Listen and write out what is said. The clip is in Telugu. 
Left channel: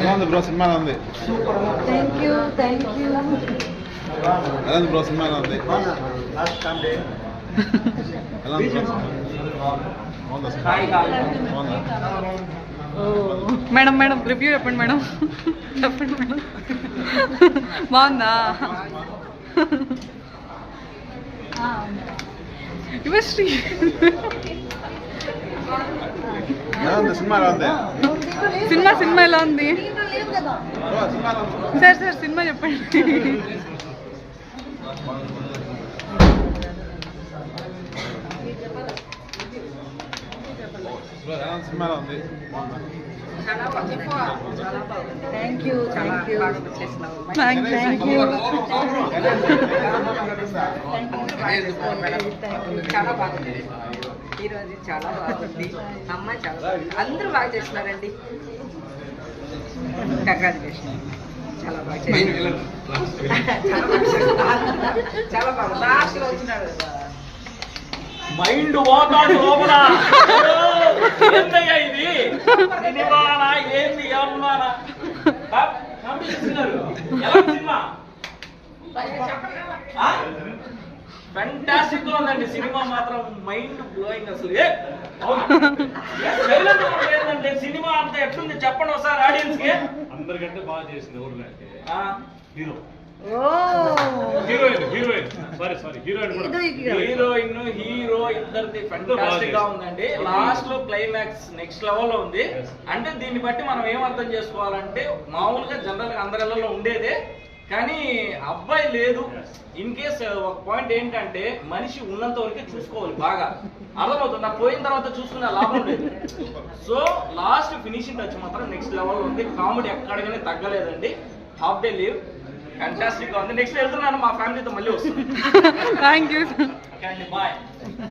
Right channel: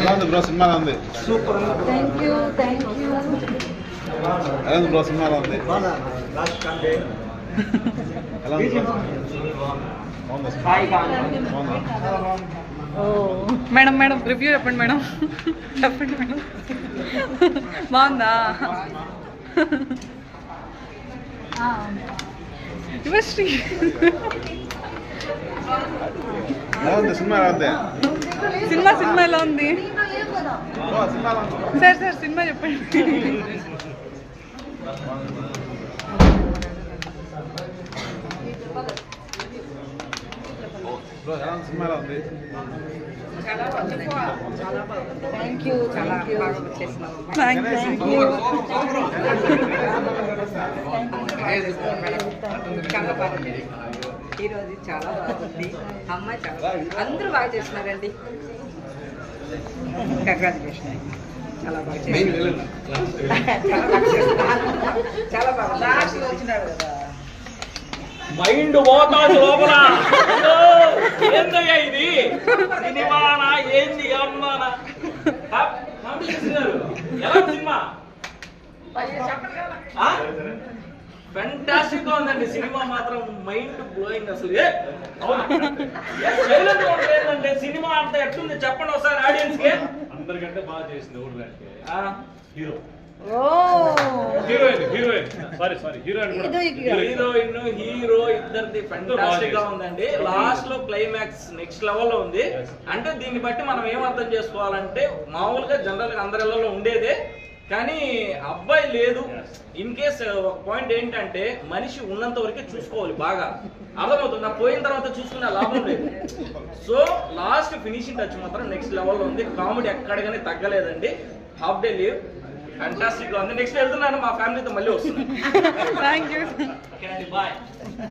ఎలా ఉంది బ్రో సినిమా ఎలా ఉంది? సూపర్. థ్యాంక్ యూ ఎలా ఉంది బ్రో సినిమా ఎలా ఉంది? లాస్ట్ కాంటే ఎలా ఉంది బ్రో? బాగుందా సినిమా? బాగుందా? మేడం మేడం రివ్యూ చెప్పండి మేడం. చెప్పండి మేడం. బాగుందా? యువశ్రీ ఎలా ఉంది సినిమా ఎలా ఉంది? సినిమా ఎలా ఉంది? బ్రో సినిమా ఎలా ఉంది? సార్ సినిమా చెప్పండి. బ్రో ఎలా ఉంది సినిమా ఎలా ఉంది? Thank you thank you. చాలా బాగుంది. ఈరోజు చాలా బాగుంది. అమ్మాయి చాలా బాగుంది. అందరూ బాగా చేస్తున్నారండి. కంగ్రాచులేషన్. చాలా బాగా చేస్తున్నారు. చాలా బాగా లాస్ట్ లో వచ్చినాడు కదా. మైండ్ పోతాడు లోపల. ఏంటయ్యా ఇది? సినిమానా ఏంది? ఏమన్నానా? ఎలా సినిమా? ఫెంటాస్టిక్ గా ఉందండి సినిమా మాత్రం. మైండ్ బ్లోయింగ్ అసలు. లేదంటే సినిమా అంతా ఎట్లుంది చెప్పండి ఒకసారి ఆడియన్స్ కి. అందరికంటే బాగా చేసింది ఎవరంటే హీరో, హీరో ఇద్దరిది ఫెంటాస్టిక్ గా ఉందండి. లాస్ట్ లో క్లైమాక్స్ నెక్స్ట్ లెవెల్ లో ఉంది. అంటే దీన్ని బట్టి మనం ఏం అర్థం చేసుకోవాలంటే మామూలుగా జనరల్ గా అందరిలో ఉండేదే, కానీ అబ్బాయి లేదు. ఇన్ కేస్ ఒక పాయింట్ ఏంటంటే మనిషి ఉన్నంత వరకే చూసుకోవాలి. బాగా అర్థమవుతుంది. నాకు పోయిన తర్వాత చూసుకునే లాభం లేదు. సో లాస్ట్ ఫినిషింగ్ టచ్ మాత్రం నెక్స్ట్ లెవెల్ లో ఉంది. కామెడీ ఎక్కడికనే తగ్గలేదండి. హాఫ్ డే లీవ్ ఫ్యాంటాస్టిక్ గా ఉంది. నెక్స్ట్ వెళ్తున్నాను, మా ఫ్యామిలీతో మళ్ళీ వస్తున్నాను. Thank you. బాయ్.